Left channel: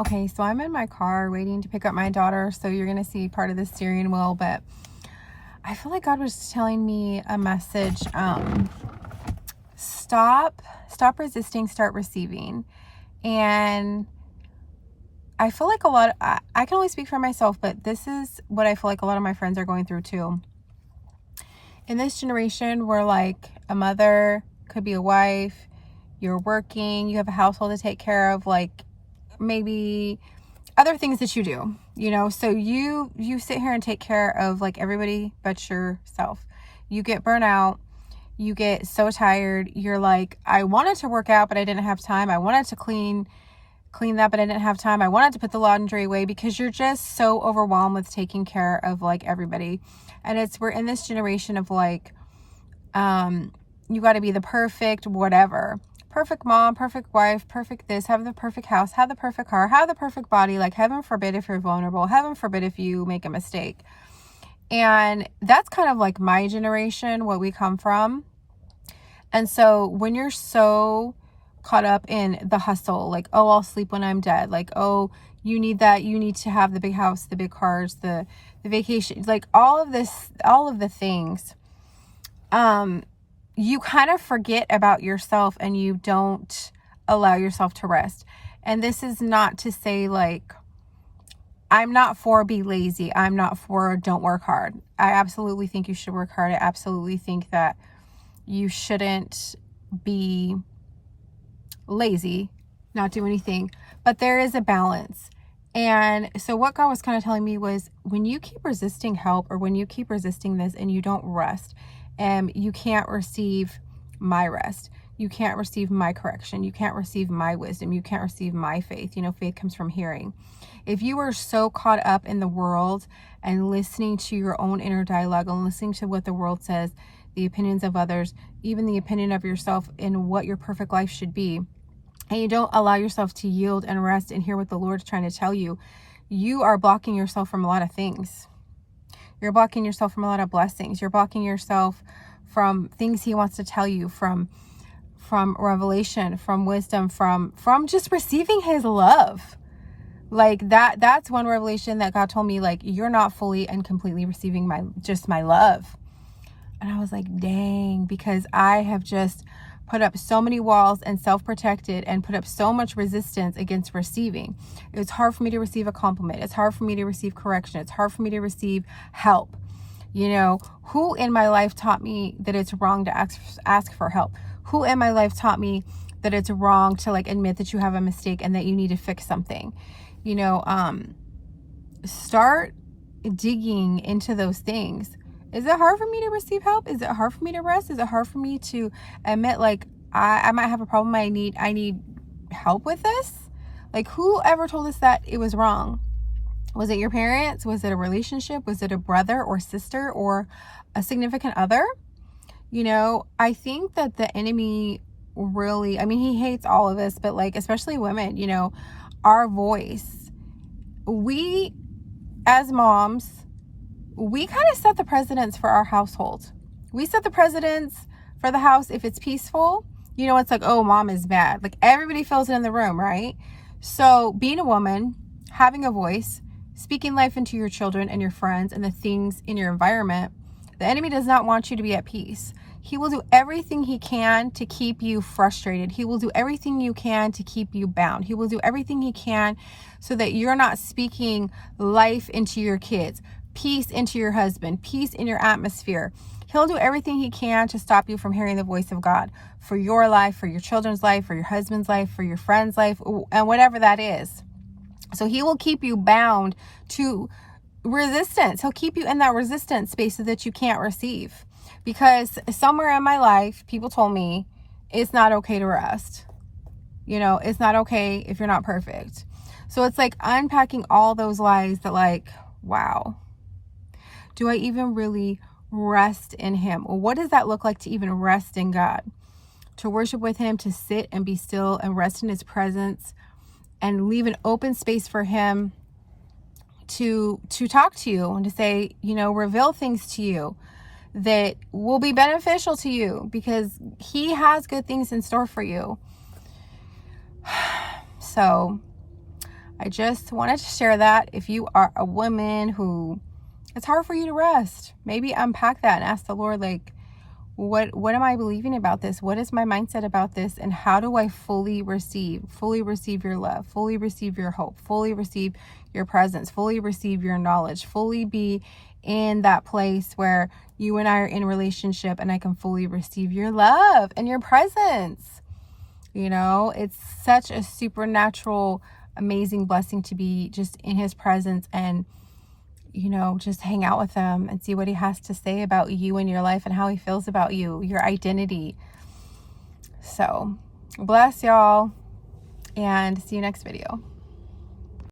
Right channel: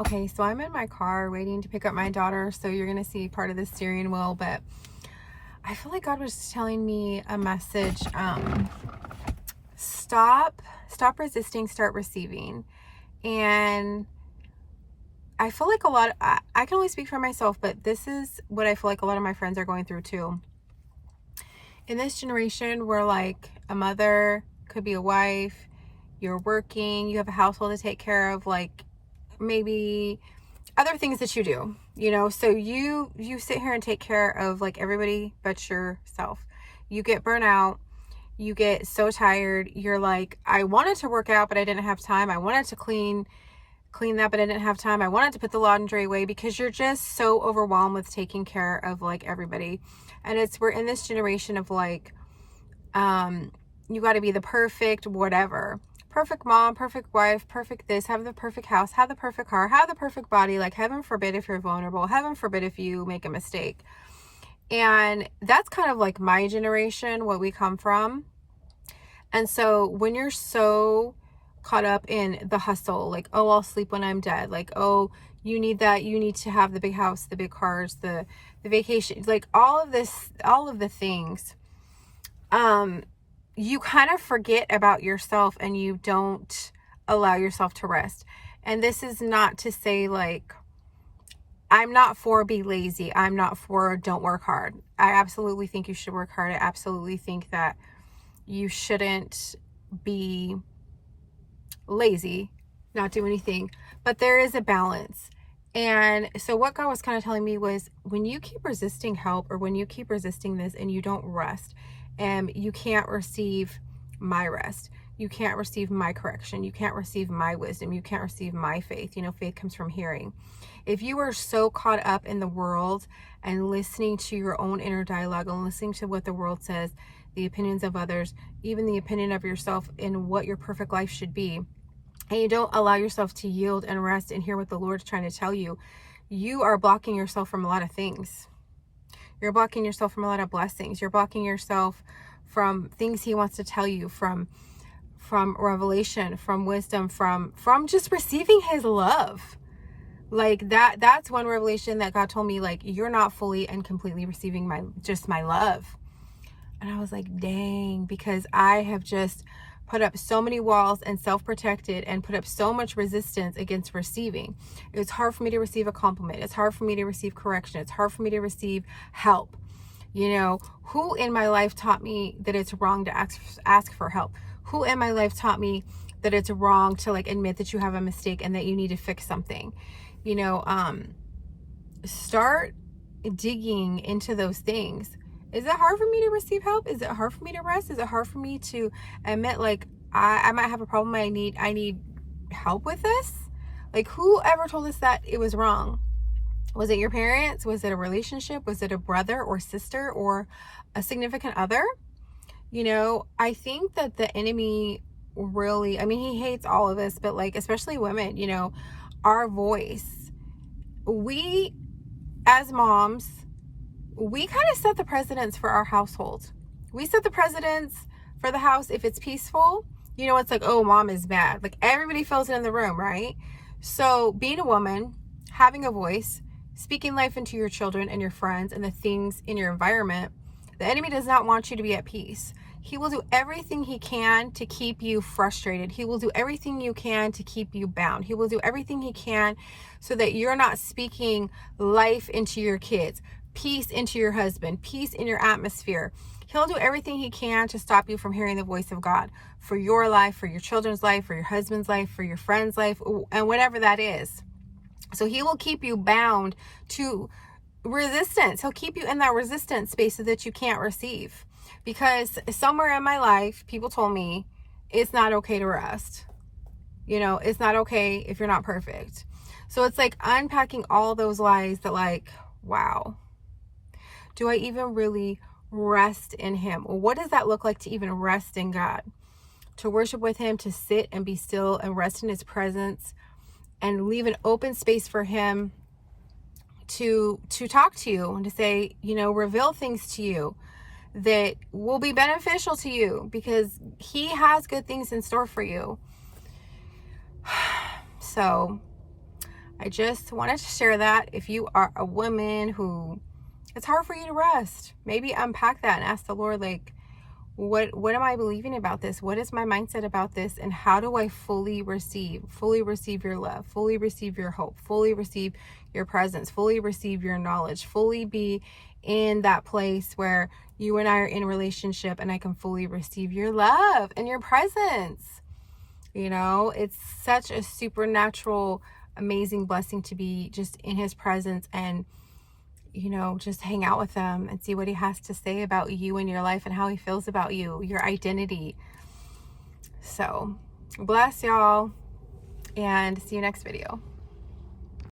Okay, so I'm in my car waiting to pick up my daughter, so you're going to see part of the steering wheel, but I feel like God was telling me a message. Stop resisting, start receiving. And I feel like I can only speak for myself, but this is what I feel like a lot of my friends are going through too. In this generation, where like a mother could be a wife, you're working, you have a household to take care of, like maybe other things that you do, so you sit here and take care of like everybody but yourself. You get burnt out, you get so tired, you're like, I wanted to work out but I didn't have time. I wanted to clean that but I didn't have time. I wanted to put the laundry away, because you're just so overwhelmed with taking care of like everybody. And we're in this generation of like, you got to be the perfect whatever, perfect mom, perfect wife, perfect this, have the perfect house, have the perfect car, have the perfect body. Like, heaven forbid if you're vulnerable, heaven forbid if you make a mistake. And that's kind of like my generation, what we come from. And so when you're so caught up in the hustle, like, oh, I'll sleep when I'm dead, like, oh, you need that, you need to have the big house, the big cars, the vacation, like all of the things, you kind of forget about yourself and you don't allow yourself to rest. And this is not to say like, I'm not for be lazy. I'm not for don't work hard. I absolutely think you should work hard. I absolutely think that you shouldn't be lazy, not do anything, but there is a balance. And so what God was kind of telling me was, when you keep resisting help, or when you keep resisting this and you don't rest, you can't receive my rest. You can't receive my correction. You can't receive my wisdom. You can't receive my faith. Faith comes from hearing. If you are so caught up in the world and listening to your own inner dialogue and listening to what the world says, the opinions of others, even the opinion of yourself in what your perfect life should be, and you don't allow yourself to yield and rest and hear what the Lord's trying to tell you, you are blocking yourself from a lot of things. You're blocking yourself from a lot of blessings. You're blocking yourself from things He wants to tell you, from revelation, from wisdom, from just receiving His love. Like that's one revelation that God told me, like, you're not fully and completely receiving my love. And I was like, dang, because I have just put up so many walls and self-protected and put up so much resistance against receiving. It's hard for me to receive a compliment. It's hard for me to receive correction. It's hard for me to receive help. Who in my life taught me that it's wrong to ask for help? Who in my life taught me that it's wrong to like admit that you have a mistake and that you need to fix something? Start digging into those things. Is it hard for me to receive help? Is it hard for me to rest? Is it hard for me to admit like I might have a problem? I need help with this? Like, whoever told us that it was wrong? Was it your parents? Was it a relationship? Was it a brother or sister or a significant other? I think that the enemy really, he hates all of us, but like, especially women, our voice, we as moms, we kind of set the precedence for our household. We set the precedence for the house. If it's peaceful, it's like, oh, mom is bad. Like, everybody feels it in the room, right? So being a woman, having a voice, speaking life into your children and your friends and the things in your environment, the enemy does not want you to be at peace. He will do everything he can to keep you frustrated. He will do everything you can to keep you bound. He will do everything he can so that you're not speaking life into your kids, peace into your husband, peace in your atmosphere. He'll do everything he can to stop you from hearing the voice of God for your life, for your children's life, for your husband's life, for your friend's life, and whatever that is. So he will keep you bound to resistance. He'll keep you in that resistance space so that you can't receive. Because somewhere in my life, people told me it's not okay to rest. It's not okay if you're not perfect. So it's like unpacking all those lies that, like, wow, do I even really rest in Him? What does that look like to even rest in God? To worship with Him, to sit and be still and rest in His presence and leave an open space for Him to talk to you and to say, reveal things to you that will be beneficial to you, because He has good things in store for you. So I just wanted to share that. If you are a woman who it's hard for you to rest, maybe unpack that and ask the Lord, like, what am I believing about this? What is my mindset about this? And how do I fully receive your love, fully receive your hope, fully receive your presence, fully receive your knowledge, fully be in that place where you and I are in relationship and I can fully receive your love and your presence. You know, it's such a supernatural, amazing blessing to be just in his presence and, you know, just hang out with him and see what he has to say about you and your life and how he feels about you, your identity. So, bless y'all, and see you next video.